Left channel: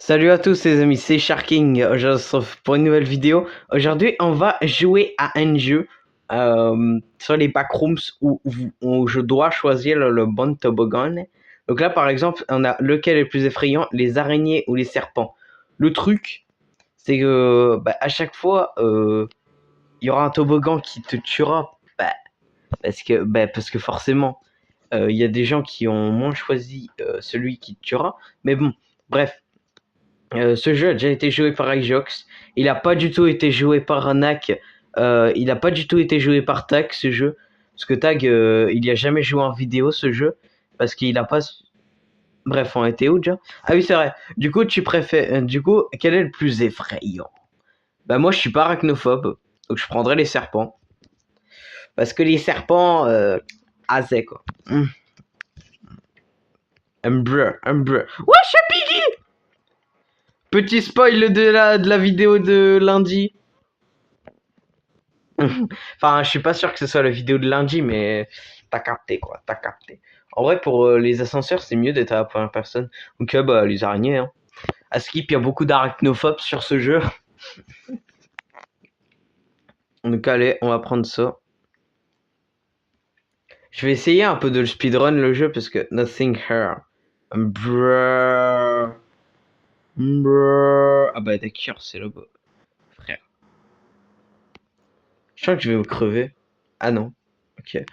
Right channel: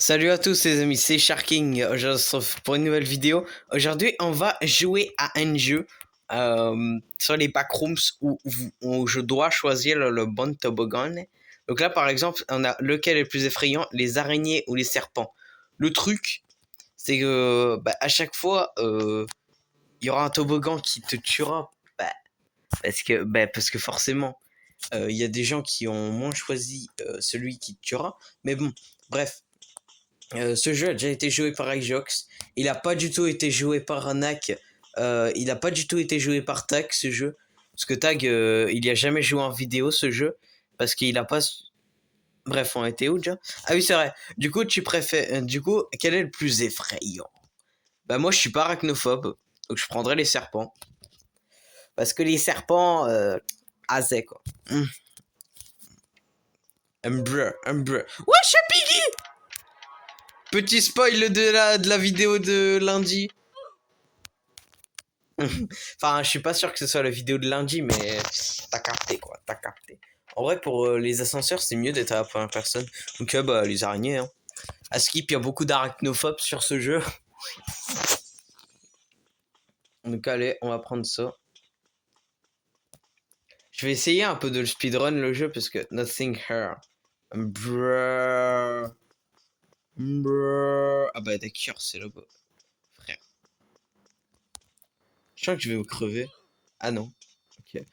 Salut à tous les amis, c'est Sharking. Je vous retrouve pour une nouvelle vidéo. Aujourd'hui, on va jouer à un jeu sur les backrooms où je dois choisir le bon toboggan. Donc là, par exemple, on a lequel est le plus effrayant, les araignées ou les serpents. Le truc, c'est que à chaque fois, il y aura un toboggan qui te tuera. Parce que forcément, il y a des gens qui ont moins choisi celui qui te tuera. Mais bon, bref. Ce jeu a déjà été joué par Ijox. Il n'a pas du tout été joué par Nak. Il n'a pas du tout été joué par Tag, ce jeu. Parce que Tag, il n'y a jamais joué en vidéo, ce jeu. Parce qu'il n'a pas... Bref, on était où déjà? Ah oui, c'est vrai. Du coup, quel est le plus effrayant? Bah moi, je suis pas arachnophobe. Donc, je prendrais les serpents. Parce que les serpents... Azé, quoi. Umbrella. Ouais, Chapiggy! Petit spoil de la vidéo de lundi. Enfin, je suis pas sûr que ce soit la vidéo de lundi, mais t'as capté quoi, t'as capté. En vrai, pour les ascenseurs, c'est mieux d'être à la première personne. Donc, les araignées. Hein. À Skip, il y a beaucoup d'arachnophobes sur ce jeu. Donc, allez, on va prendre ça. Je vais essayer un peu de le speedrun le jeu parce que nothing here. Brrr. Ah bah d'accord, c'est le beau. Frère. Je sens que je vais me crever. Ah non. Ok.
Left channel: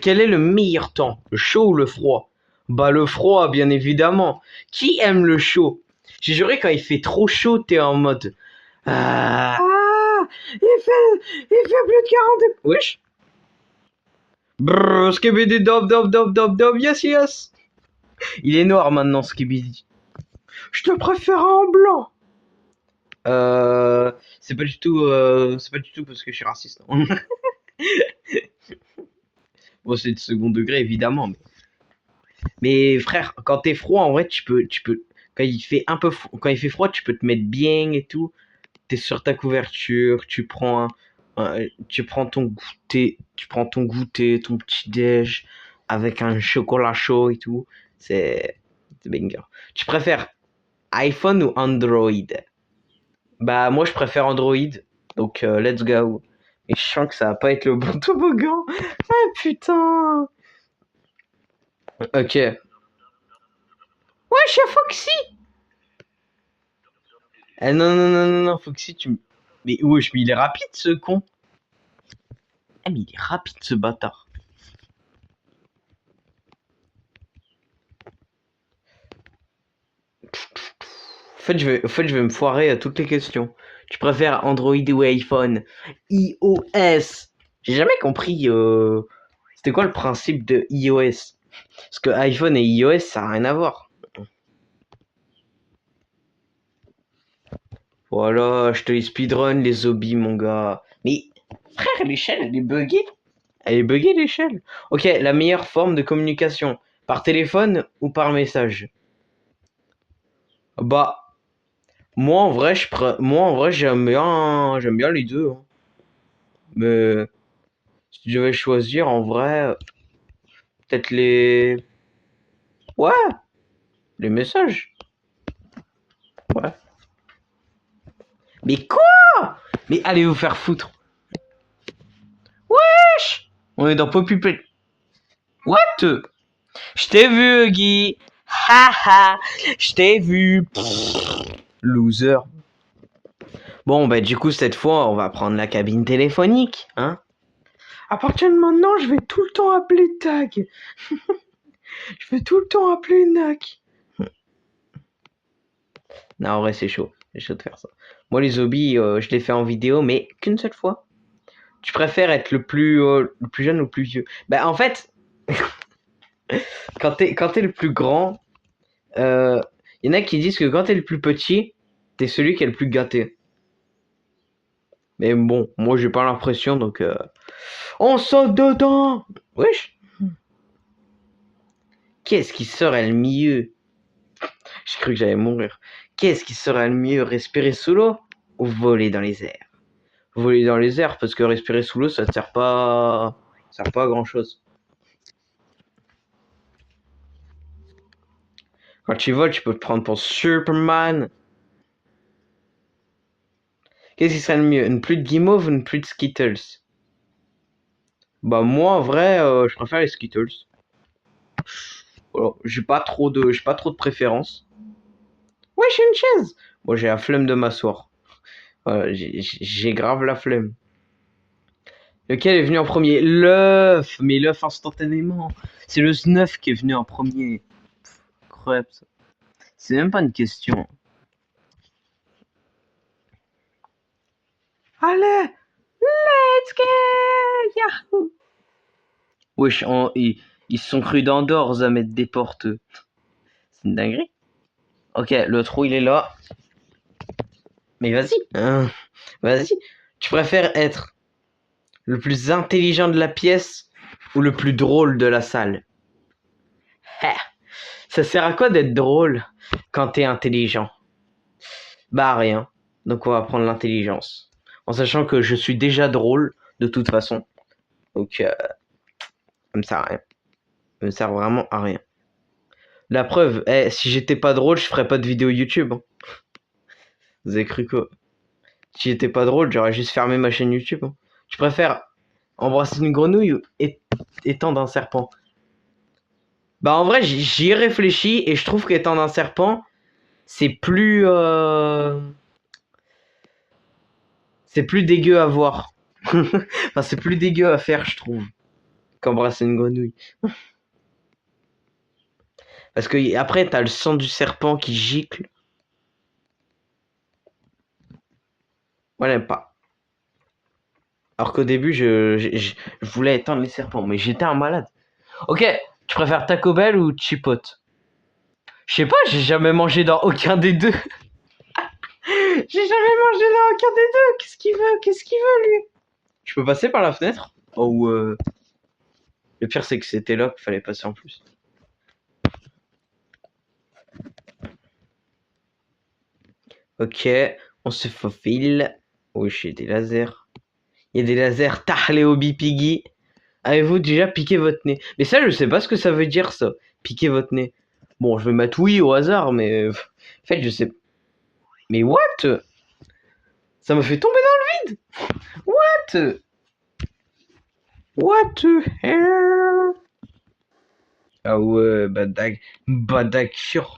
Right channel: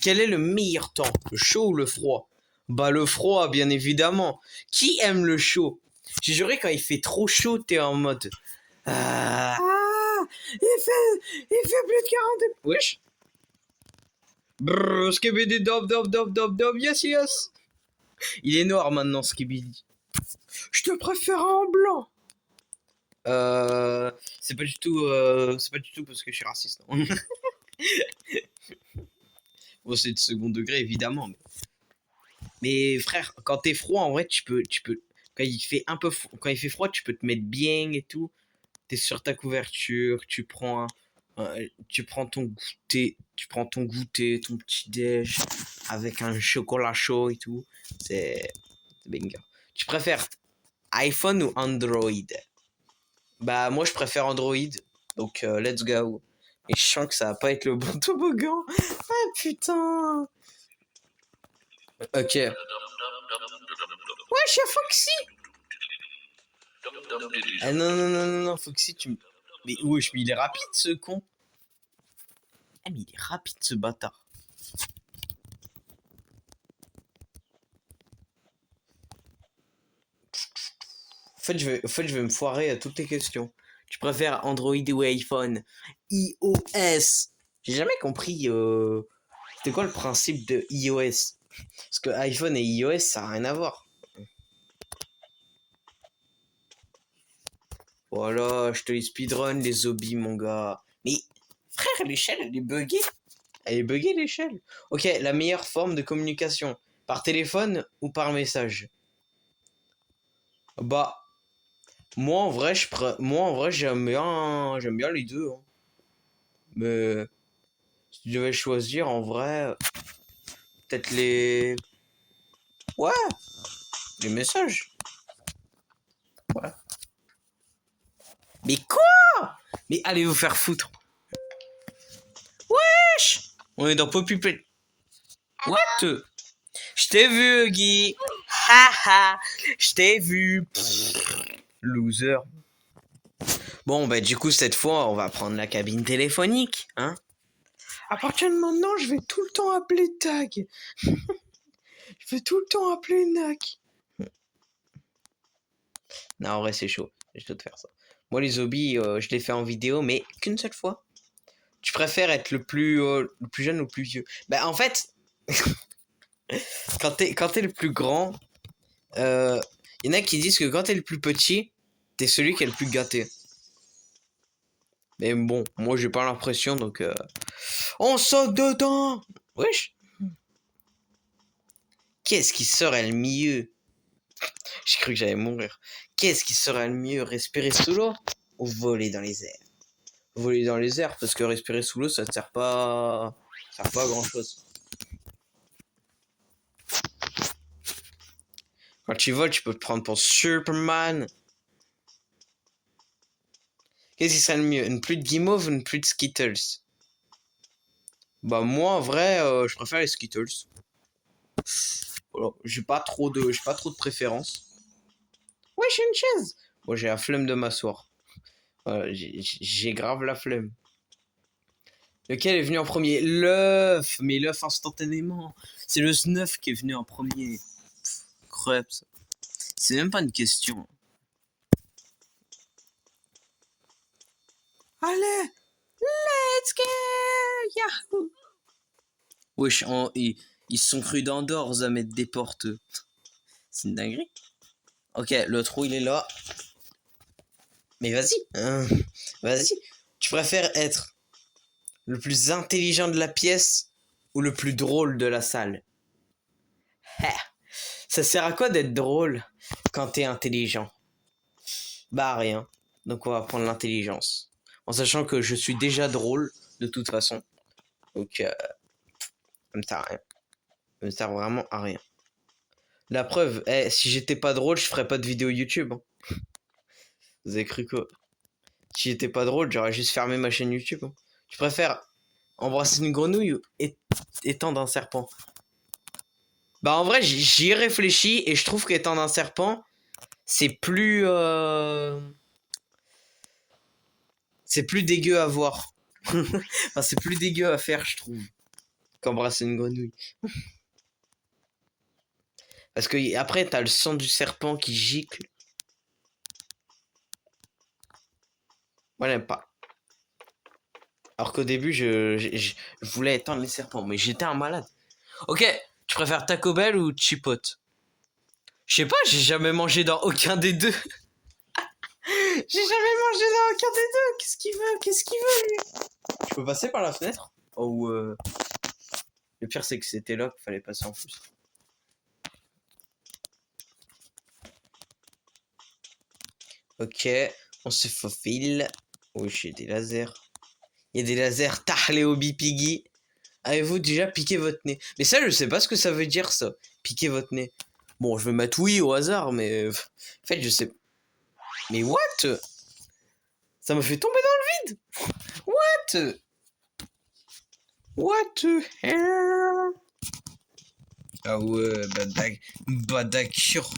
Quel est le meilleur temps? Le chaud ou le froid? Bah le froid, bien évidemment. Qui aime le chaud? J'ai juré quand il fait trop chaud, t'es en mode... Ah, il fait plus de 40... Wesh. Brrr, Skibidi dob dob dob dob dob, yes yes. Il est noir maintenant, Skibidi. Je te préfère en blanc. C'est pas du tout parce que je suis raciste. Non. Bon, c'est de second degré, évidemment. Mais frère, quand t'es froid, en vrai, quand il fait quand il fait froid, tu peux te mettre bien et tout. T'es sur ta couverture, tu prends ton goûter, ton petit déj avec un chocolat chaud et tout. C'est banger. Tu préfères iPhone ou Android? Bah moi je préfère Android. Donc let's go. Et je sens que ça va pas être le bon toboggan. Ah putain. Ok. Ouais, chef Foxy. Ah non, non, non, non, non, Foxy, tu me... Mais wesh, mais il est rapide ce con. Ah, mais il est rapide ce bâtard. En fait, je vais me foirer à toutes les questions. Tu préfères Android ou iPhone? iOS. J'ai jamais compris. C'était quoi le principe de iOS? Parce que iPhone et iOS, ça n'a rien à voir. Voilà, je te les speedrun, les hobbies, mon gars. Mais, frère, l'échelle, elle est buggée. Elle est buggée, l'échelle. Ok, la meilleure forme de communication. Par téléphone ou par message? Bah, moi, en vrai, j'aime bien les deux. Hein. Mais, si je devais choisir, en vrai, peut-être Ouais, les messages. Ouais. Mais quoi? Mais allez vous faire foutre. Wesh! On est dans Poppy Play. What? Je t'ai vu, Guy. Haha, je t'ai vu. Loser. Bon, bah du coup, cette fois, on va prendre la cabine téléphonique, hein. À partir de maintenant, je vais tout le temps appeler Tag. Je vais tout le temps appeler Nak. Non, en vrai, c'est chaud. C'est chaud de faire ça. Moi, les hobbies, je les fais en vidéo, mais qu'une seule fois. Tu préfères être le plus jeune ou le plus vieux? Bah, en fait, quand t'es le plus grand, y en a qui disent que quand t'es le plus petit, t'es celui qui est le plus gâté. Mais bon, moi, j'ai pas l'impression, donc... On saute dedans! Wesh! Qu'est-ce qui serait le mieux? J'ai cru que j'allais mourir. Qu'est-ce qui serait le mieux? Respirer sous l'eau ou voler dans les airs? Voler dans les airs, parce que respirer sous l'eau, ça ne sert pas... Ça sert pas à grand-chose. Quand tu voles, tu peux te prendre pour Superman. Qu'est-ce qui serait le mieux? Une pluie de guimauve ou une pluie de Skittles? Bah moi en vrai, je préfère les Skittles. Voilà. J'ai pas trop de préférence. Ouais, j'ai une chaise. Bon, j'ai la flemme de m'asseoir. Voilà, j'ai grave la flemme. Lequel est venu en premier? L'œuf, mais l'œuf instantanément. C'est le snuff qui est venu en premier. Crêpe, ça. C'est même pas une question. Allez, let's go, yahoo! Wesh, ils se sont crus d'Andorre à mettre des portes. C'est une dinguerie. Ok, le trou il est là. Mais vas-y, hein, vas-y. Tu préfères être le plus intelligent de la pièce ou le plus drôle de la salle? Ça sert à quoi d'être drôle quand t'es intelligent? Bah rien. Donc on va prendre l'intelligence. En sachant que je suis déjà drôle de toute façon. Donc ça me sert à rien. Ça me sert vraiment à rien. La preuve, si j'étais pas drôle, je ferais pas de vidéo YouTube. Hein. Vous avez cru quoi? Si j'étais pas drôle, j'aurais juste fermé ma chaîne YouTube. Hein. Je préfère embrasser une grenouille ou étendre un serpent. Bah en vrai, j'y ai réfléchi et je trouve qu'étendre un serpent, c'est plus... C'est plus dégueu à voir. Enfin, c'est plus dégueu à faire, je trouve, qu'embrasser une grenouille. Parce que après, t'as le sang du serpent qui gicle. Moi, j'aime pas. Alors qu'au début, je voulais éteindre les serpents, mais j'étais un malade. Ok, tu préfères Taco Bell ou Chipotle? Je sais pas, j'ai jamais mangé dans aucun des deux. J'ai jamais mangé dans aucun des deux. Qu'est-ce qu'il veut? Qu'est-ce qu'il veut, lui? Je peux passer par la fenêtre? Oh, le pire, c'est que c'était là qu'il fallait passer en plus. Ok, on se faufile. Oui, j'ai des lasers. Il y a des lasers Tahleobi Piggy. Avez-vous déjà piqué votre nez? Mais ça, je sais pas ce que ça veut dire, ça. Piquer votre nez. Bon, je vais mettre oui au hasard, mais... En fait, je sais... Mais what? Ça me fait tomber dans le vide. What? What the hell? Ah ouais, bah d'accord.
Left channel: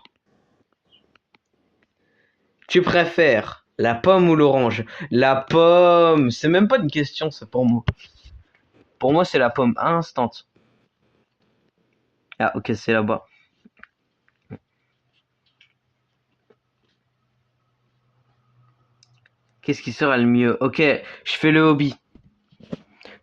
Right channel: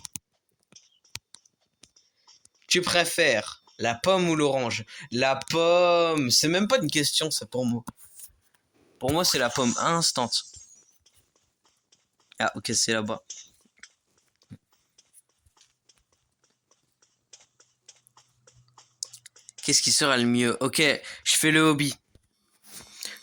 Tu préfères la pomme ou l'orange? La pomme. C'est même pas une question, ça, pour moi. Pour moi, c'est la pomme instant. Ah, ok, c'est là-bas. Qu'est-ce qui sera le mieux? Ok, je fais le hobby.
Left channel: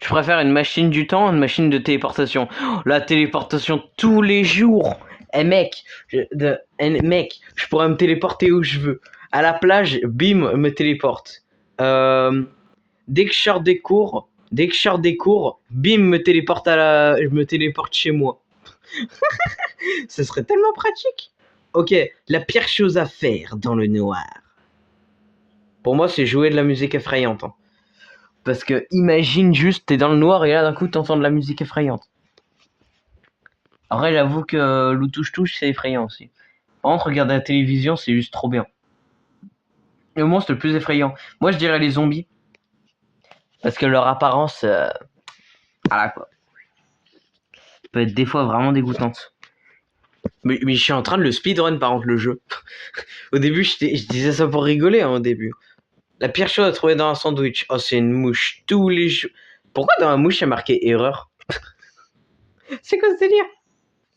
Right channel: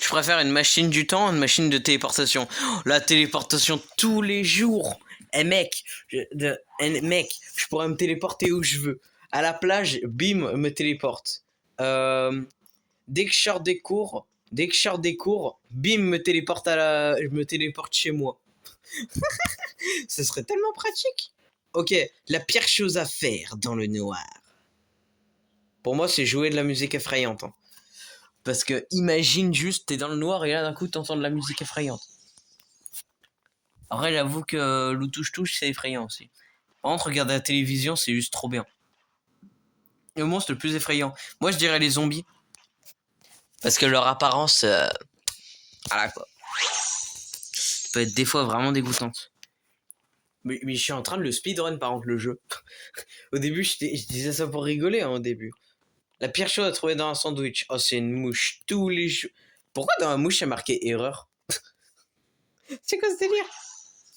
Je préfère une machine du temps ou une machine de téléportation? Oh, la téléportation tous les jours. Mec, je pourrais me téléporter où je veux. À la plage, bim, me téléporte. Dès que je sors des cours, bim, je me téléporte chez moi. Ce serait tellement pratique. Ok, la pire chose à faire dans le noir. Pour moi, c'est jouer de la musique effrayante. Hein. Parce que imagine juste, t'es dans le noir et là d'un coup t'entends de la musique effrayante. Après, j'avoue que le touche-touche, c'est effrayant aussi. Par contre, regarder la télévision, c'est juste trop bien. Le monstre le plus effrayant. Moi, je dirais les zombies. Parce que leur apparence, voilà quoi. Peut être des fois vraiment dégoûtante. Mais je suis en train de le speedrun par contre, le jeu. Au début, je disais ça pour rigoler, hein, au début. La pire chose à trouver dans un sandwich. Oh, c'est une mouche tous les jours. Pourquoi dans la mouche, il y a marqué erreur? C'est quoi ce délire?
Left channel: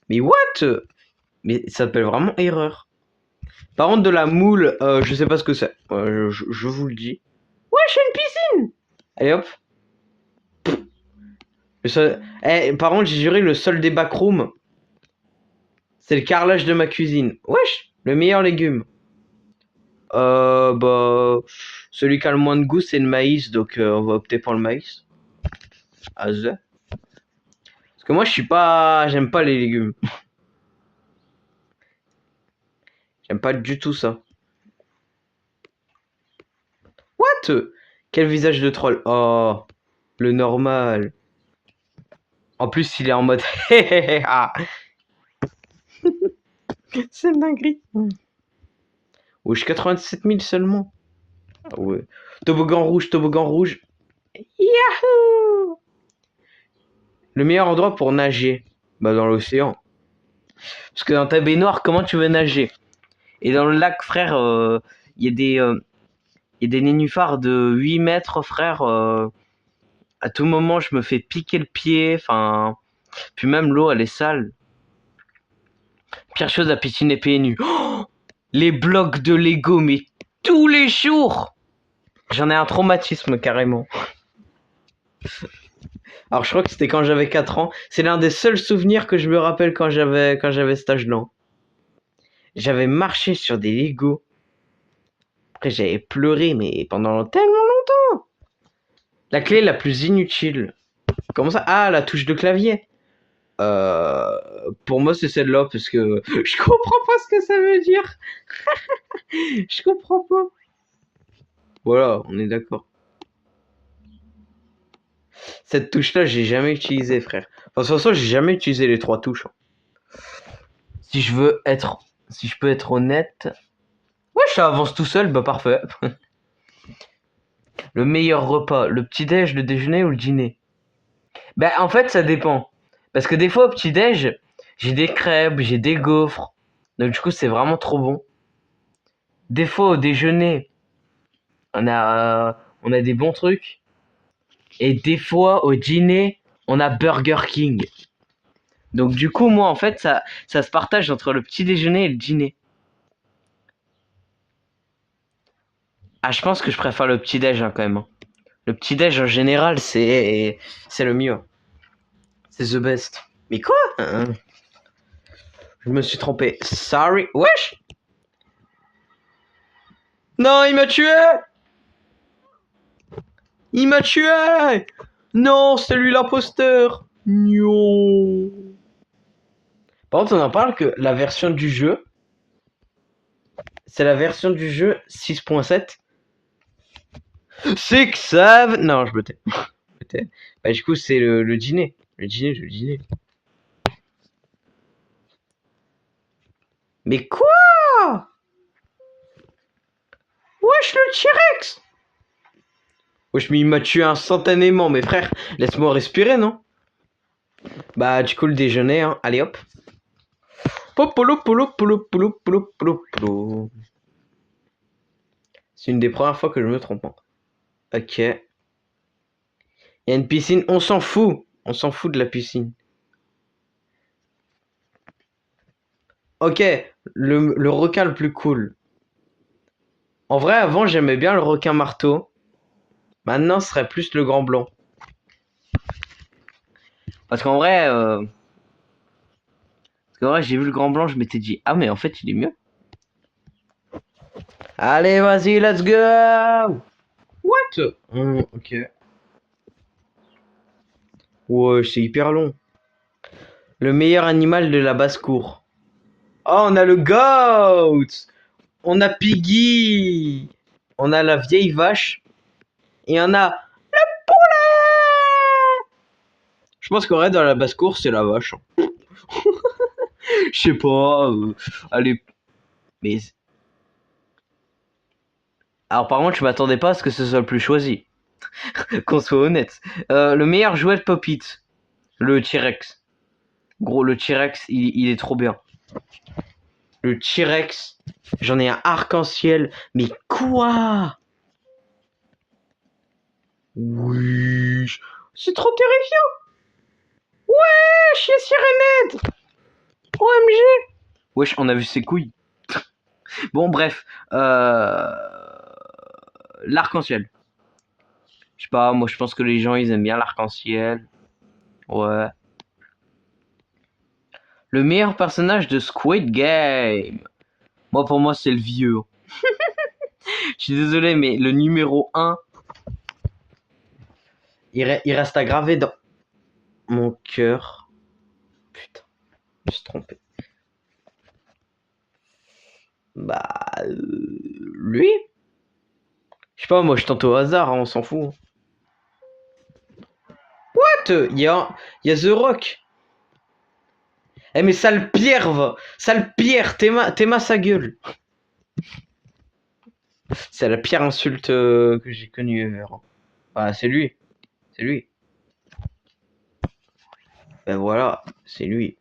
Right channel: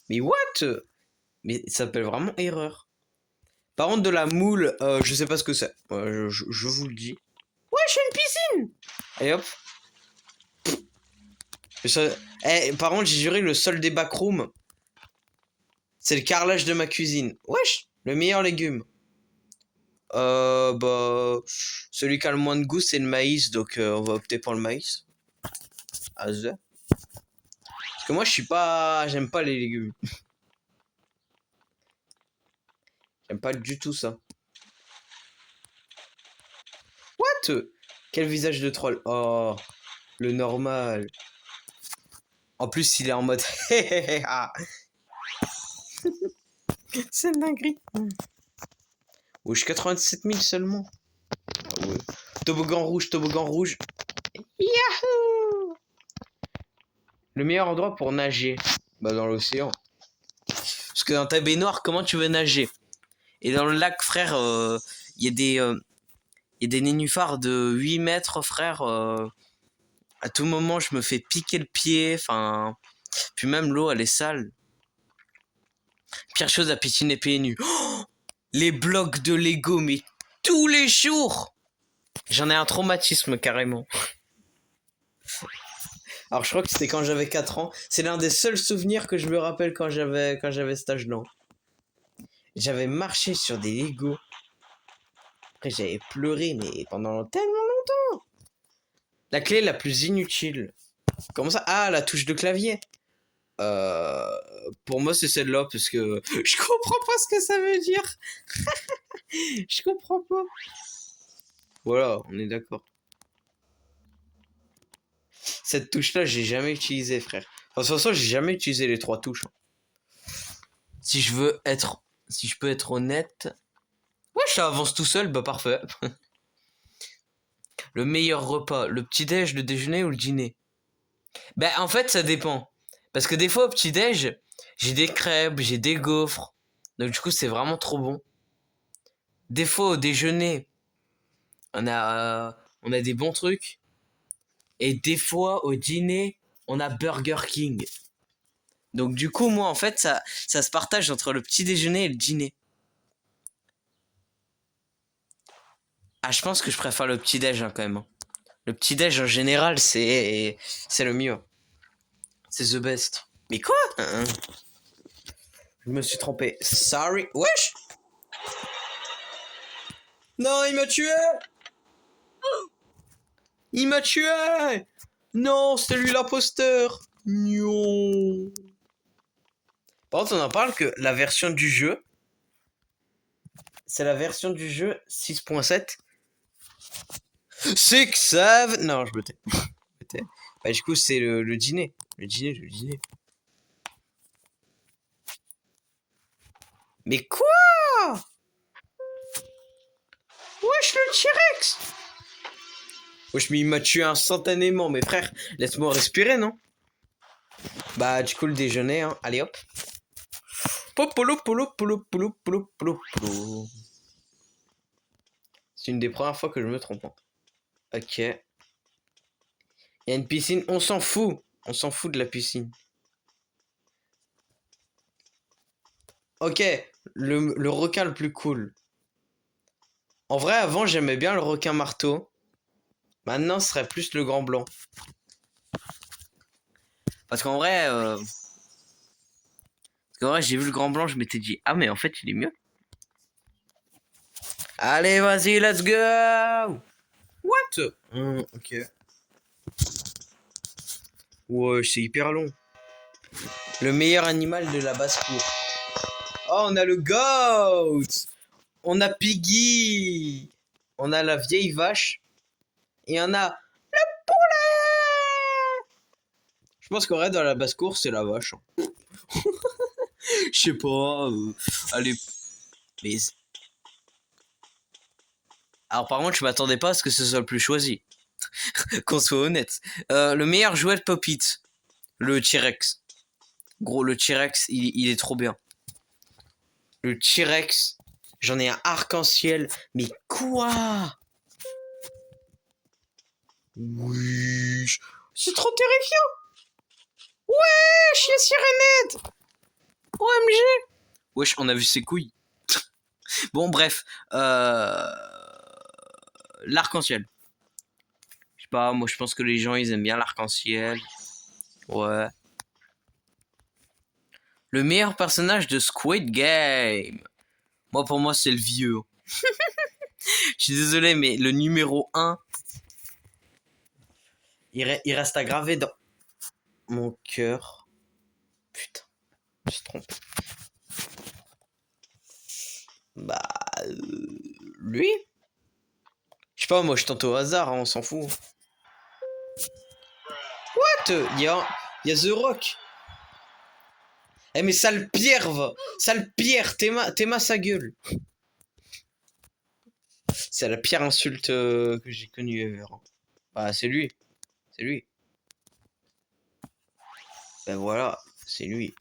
Mais what? Mais ça s'appelle vraiment erreur. Par contre, de la moule, je sais pas ce que c'est. Je vous le dis. Ouais, je suis une piscine. Allez hop. Par contre, j'ai juré, le sol des backrooms, c'est le carrelage de ma cuisine. Wesh, le meilleur légume. Bah, celui qui a le moins de goût, c'est le maïs, donc on va opter pour le maïs. Parce que moi, j'aime pas les légumes. J'aime pas du tout ça. What? Quel visage de troll. Oh, le normal. En plus, il est en mode... C'est une dinguerie. Wesh, 87 000 seulement. Ah ouais. Toboggan rouge, toboggan rouge. Yahoo! Le meilleur endroit pour nager? Bah dans l'océan. Parce que dans ta baignoire, comment tu veux nager? Et dans le lac, frère, il y a des nénuphars de 8 mètres, frère. À tout moment, je me fais piquer le pied. Enfin, puis même l'eau, elle est sale. Pire chose, la piscine est pieds nus. Oh, les blocs de Lego, mais tous les jours. J'en ai un traumatisme carrément. Alors je crois que c'était quand j'avais 4 ans. C'est l'un des seuls souvenirs que je me rappelle quand j'avais cet âge-là. J'avais marché sur des Lego. Après j'avais pleuré mais pendant tellement longtemps. La clé la plus inutile. Comment ça? Ah, la touche de clavier. Pour moi c'est celle-là parce que je comprends pas ce que ça veut dire. Je comprends pas. Voilà, on est d'accord. Cette touche-là, j'ai jamais utilisé, frère. Enfin, de toute façon, j'ai jamais utilisé les 3 touches. Si je peux être honnête. Ouais, ça avance tout seul, bah parfait. Le meilleur repas, le petit-déj, le déjeuner ou le dîner? Bah en fait, ça dépend. Parce que des fois, au petit-déj, j'ai des crêpes, j'ai des gaufres. Donc du coup, c'est vraiment trop bon. Des fois, au déjeuner, on a des bons trucs. Et des fois, au dîner, on a Burger King. Donc du coup, moi, en fait, ça se partage entre le petit déjeuner et le dîner. Ah, je pense que je préfère le petit déj quand même. Le petit déj en général, c'est le mieux. C'est the best. Mais quoi? Je me suis trompé. Sorry. Wesh! Non, il m'a tué! Il m'a tué! Non, c'est lui l'imposteur! Non. Par contre, on en parle que la version du jeu, c'est la version du jeu 6.7. Six, seven... Non, je me tais. Bah, du coup, c'est le dîner. Le dîner. Mais quoi? Wesh, le T-Rex! Wesh, mais il m'a tué instantanément. Mais frère, laisse-moi respirer, non? Bah, du coup, le déjeuner, hein. Allez, hop. Popolo, polo, polo, polo, polo, polo, polo. C'est une des premières fois que je me trompe. Hein. Ok. Il y a une piscine. On s'en fout. On s'en fout de la piscine. Ok. Le requin le plus cool. En vrai, avant, j'aimais bien le requin marteau. Maintenant, ce serait plus le grand blanc. Parce qu'en vrai, j'ai vu le grand blanc, je m'étais dit, ah, mais en fait, il est mieux. Allez, vas-y, let's go! What? Ok. Ouais, c'est hyper long. Le meilleur animal de la basse-cour. Oh, on a le goat! On a Piggy! On a la vieille vache. Et on a le poulet! Je pense qu'en vrai, dans la basse-cour, c'est la vache. Hein. Je sais pas. Allez. Mais. Alors, par contre, je m'attendais pas à ce que ce soit le plus choisi. Qu'on soit honnête. Le meilleur jouet de Pop-It. Le T-Rex. Gros, le T-Rex, il est trop bien. Le T-Rex. J'en ai un arc-en-ciel. Mais quoi? Oui. C'est trop terrifiant. Wesh, les sirénettes. OMG. Wesh, on a vu ses couilles. Bon, bref. L'arc-en-ciel. Je sais pas, moi je pense que les gens ils aiment bien l'arc-en-ciel. Ouais. Le meilleur personnage de Squid Game. Moi pour moi c'est le vieux. Je suis désolé mais le numéro 1 il reste à graver dans mon cœur. Putain, je me suis trompé. Bah lui. Je sais pas, moi je tente au hasard, hein, on s'en fout. What? Il y a The Rock. Eh mais sale pierre, va. Sale pierre, t'es ma sa gueule. C'est la pire insulte que j'ai connue ever. Ah, c'est lui. C'est lui. Ben voilà, c'est lui.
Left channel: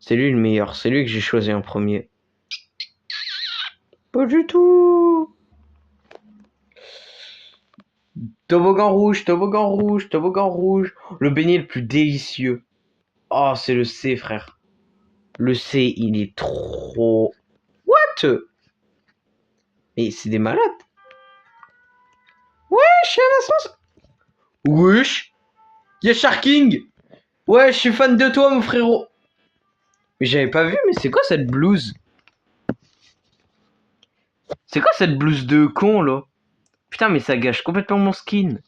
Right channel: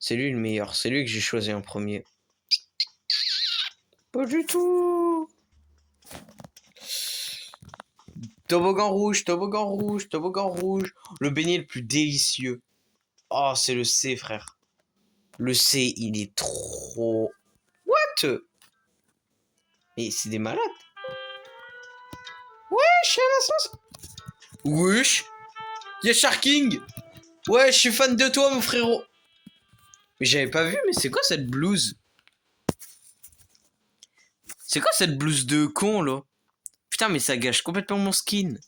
C'est lui le meilleur. C'est lui que j'ai choisi en premier. Pas du tout. Toboggan rouge, toboggan rouge, toboggan rouge. Le beignet le plus délicieux. Oh, c'est le C, frère. Le C, il est trop... What? Mais c'est des malades. Wesh, y'a la sauce. Wesh. Y'a Sharking. Ouais, je suis fan de toi, mon frérot. Mais j'avais pas vu, mais c'est quoi cette blouse? C'est quoi cette blouse de con, là? Putain, mais ça gâche complètement mon skin.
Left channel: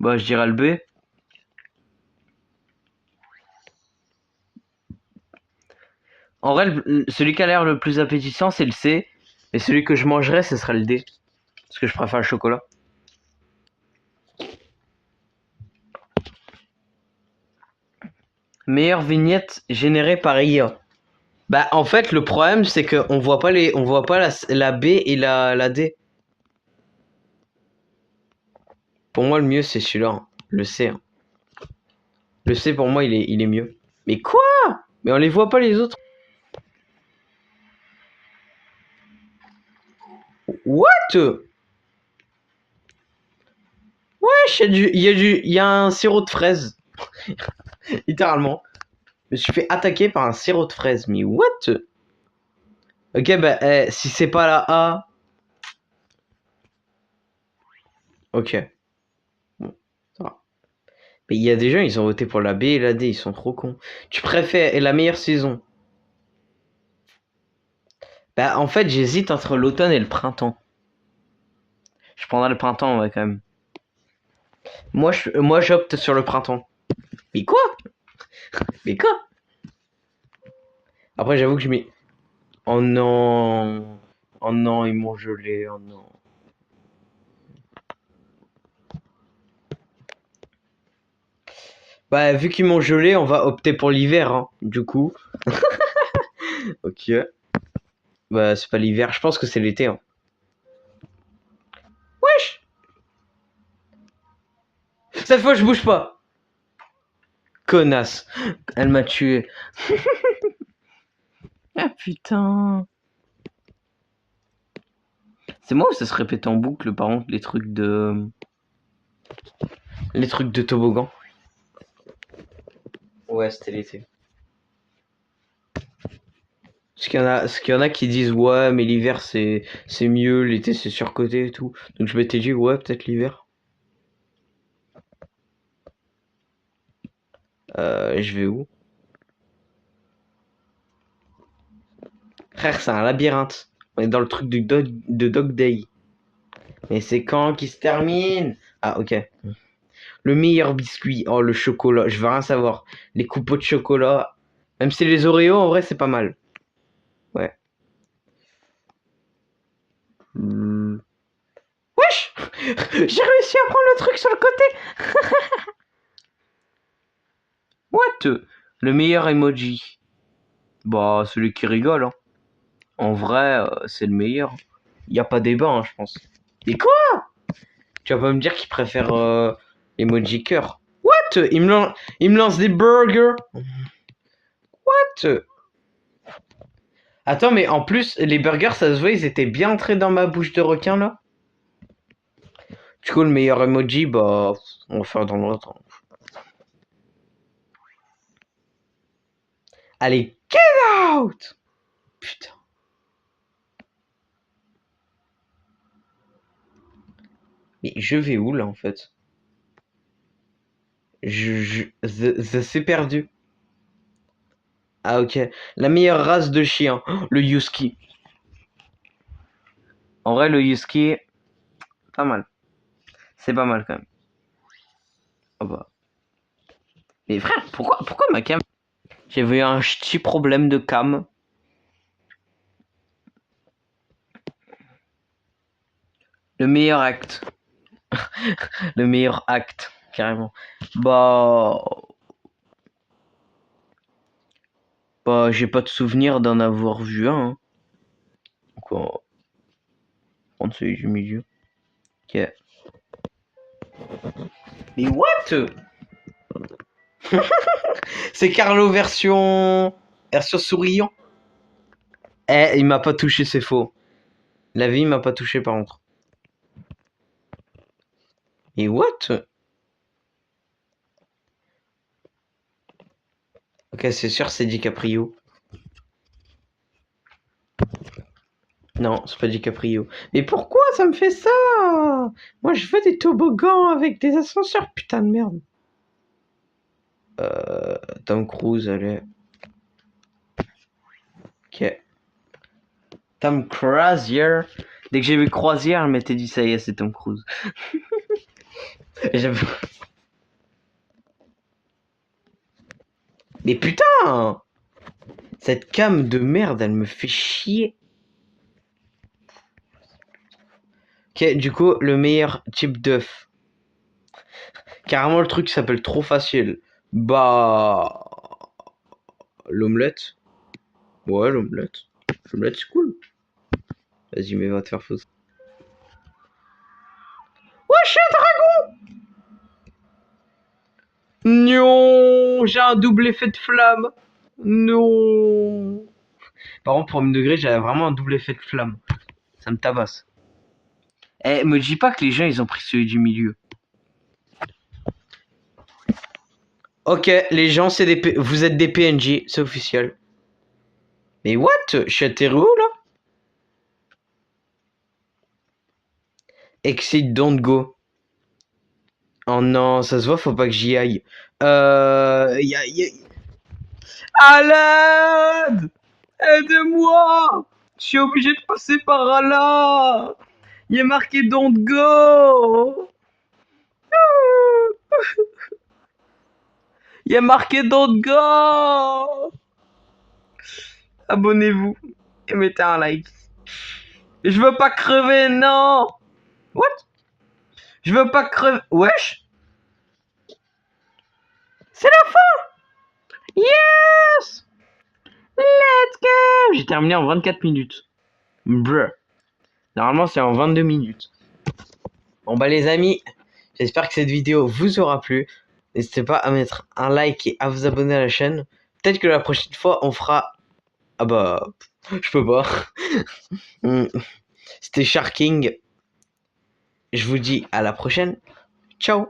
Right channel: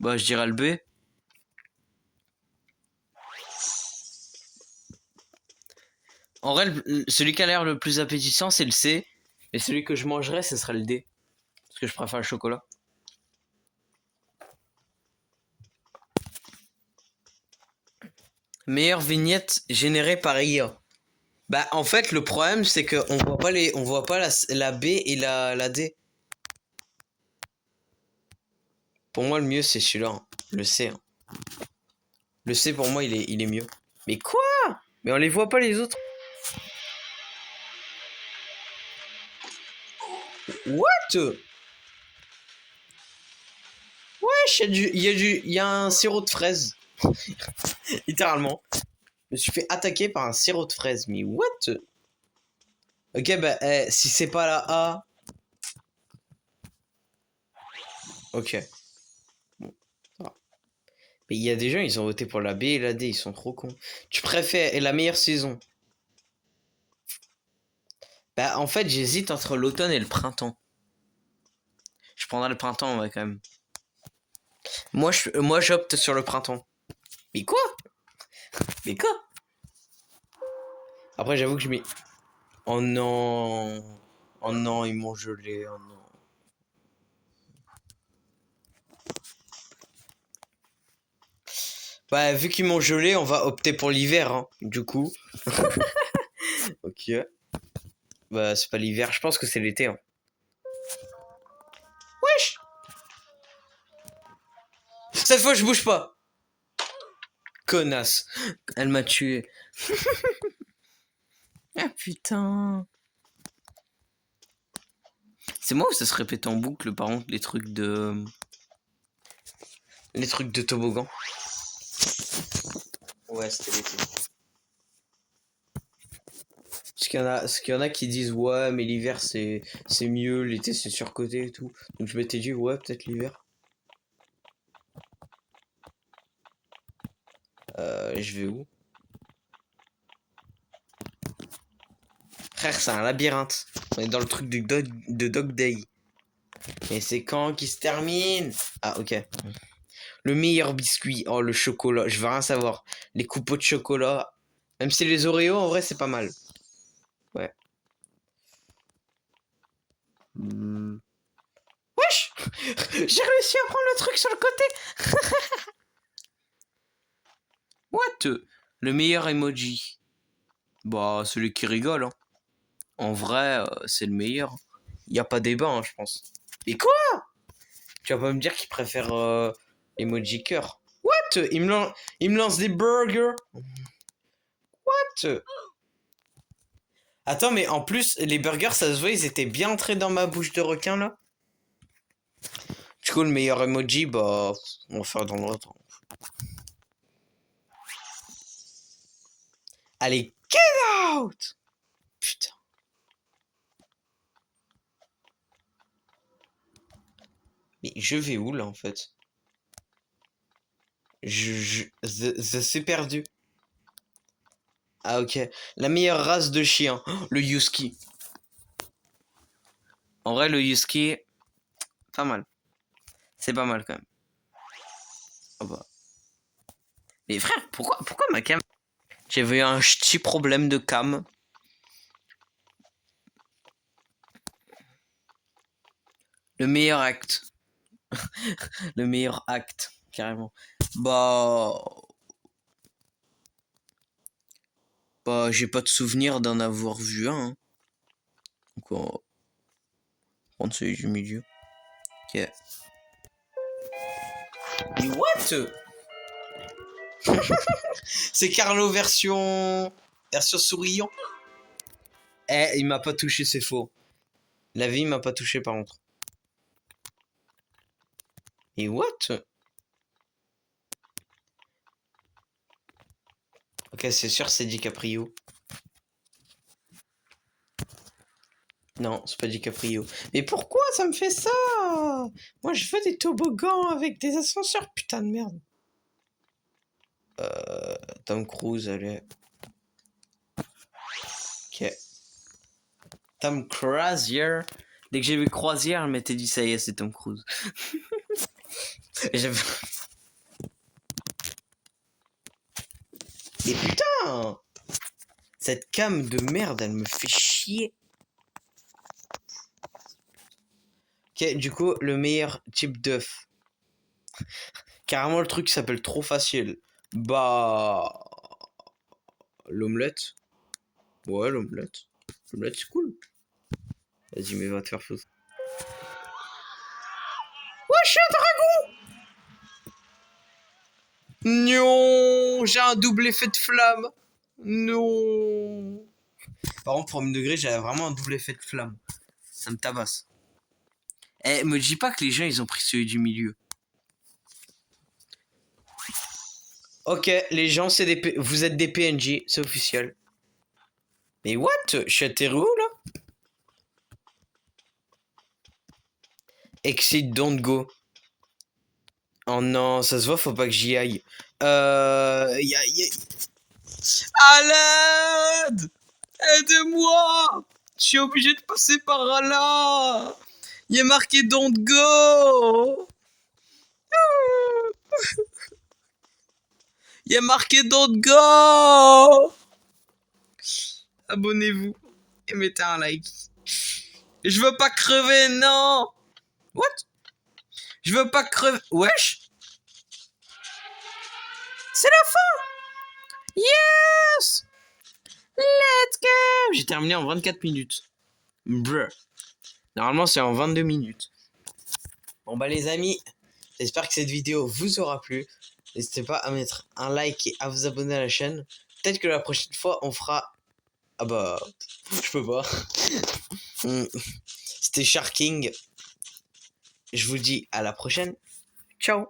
Bah, je dirais le B. En vrai, celui qui a l'air le plus appétissant, c'est le C. Et celui que je mangerais, ce serait le D. Parce que je préfère le chocolat. Meilleure vignette générée par IA. Bah, en fait, le problème, c'est qu'on voit pas on voit pas la B et la D. Pour moi, le mieux, c'est celui-là. Hein. Le C. Hein. Le C, pour moi, il est mieux. Mais quoi? Mais on les voit pas, les autres. What? Wesh, il y a un sirop de fraise. Littéralement. Je me suis fait attaquer par un sirop de fraise. Mais what? Ok, bah, si c'est pas la A... Ok. Bon, ça va. Mais il y a des gens, ils ont voté pour la B et la D. Ils sont trop cons. Tu préfères la meilleure saison? Bah, en fait, j'hésite entre l'automne et le printemps. Je prendrai le printemps, ouais, quand même. Moi, j'opte sur le printemps. Mais quoi? Mais quoi? Après, j'avoue que je mets... Oh non. Oh non, ils m'ont gelé. Oh non. Bah, vu qu'ils m'ont gelé, on va opter pour l'hiver, hein, du coup. Ok. Bah, c'est pas l'hiver, je pense que c'est l'été. Hein. Wesh! Cette fois, je bouge pas. Connasse. Elle m'a tué. Ah putain. C'est moi ou ça se répète en boucle, par contre, les trucs de... Les trucs de toboggan. Ouais, c'était l'été. Parce qu'il y en a qui disent ouais mais l'hiver c'est mieux, l'été c'est surcoté et tout. Donc je m'étais dit ouais peut-être l'hiver. Je vais où? Frère c'est un labyrinthe. On est dans le truc de Dog Day. Et c'est quand qui se termine? Ah ok. Le meilleur biscuit. Oh le chocolat, je veux rien savoir. Les coupeaux de chocolat. Même si les Oreos en vrai c'est pas mal. Ouais. Wesh. J'ai réussi à prendre le truc sur le côté. What? Le meilleur emoji. Bah, celui qui rigole. Hein. En vrai, c'est le meilleur. Y a pas débat, hein, je pense. Mais quoi? Tu vas pas me dire qu'il préfère emoji cœur. What? Il me lance des burgers. What? Attends, mais en plus, les burgers, ça se voit, ils étaient bien entrés dans ma bouche de requin, là. Du coup, le meilleur emoji, bah, on va faire dans l'autre. Allez, get out! Putain. Mais je vais où, là, en fait? C'est perdu. Ah, ok. La meilleure race de chien. Oh, le Husky. En vrai, le Husky, pas mal. C'est pas mal, quand même. Oh bah. Mais frère, pourquoi ma cam... J'ai vu un petit problème de cam. Le meilleur acte. Le meilleur acte, carrément. Bah... Bah, j'ai pas de souvenir d'en avoir vu un. Hein. Donc, on va prendre celui du milieu. Ok. Mais what? C'est Carlo version souriant. Eh, il m'a pas touché, c'est faux. La vie m'a pas touché par contre. Et what? Ok, c'est sûr, c'est DiCaprio. Non, c'est pas DiCaprio. Mais pourquoi ça me fait ça? Moi, je veux des toboggans avec des ascenseurs, putain de merde. Tom Cruise, allez. Ok. Tom Cruise. Dès que j'ai vu Croisière, elle m'était dit ça y est, c'est Tom Cruise. J'avoue. Mais putain! Cette cam de merde, elle me fait chier. Ok, du coup, le meilleur type d'œuf. Carrément, le truc s'appelle trop facile. Bah. L'omelette. Ouais, l'omelette. L'omelette, c'est cool. Vas-y, mais va te faire foutre. Wesh, un dragon! Non, j'ai un double effet de flamme. Non. Par contre, premier degré, j'avais vraiment un double effet de flamme. Ça me tabasse. Eh, me dis pas que les gens, ils ont pris celui du milieu. Ok, les gens, vous êtes des PNJ, c'est officiel. Mais what? Je suis atterri où, là? Exit, don't go. Oh non, ça se voit, faut pas que j'y aille. À l'aide! Aide-moi! Je suis obligé de passer par là! Il y a marqué don't go! Il y a marqué don't go! Abonnez-vous et mettez un like. Je veux pas crever, non! What? Je veux pas crever. Wesh! C'est la fin! Yes! Let's go! J'ai terminé en 24 minutes. Bruh. Normalement, c'est en 22 minutes. Bon, bah, les amis, j'espère que cette vidéo vous aura plu. N'hésitez pas à mettre un like et à vous abonner à la chaîne. Peut-être que la prochaine fois, on fera... Ah bah... Je peux pas. C'était Sharking. Je vous dis à la prochaine. Ciao!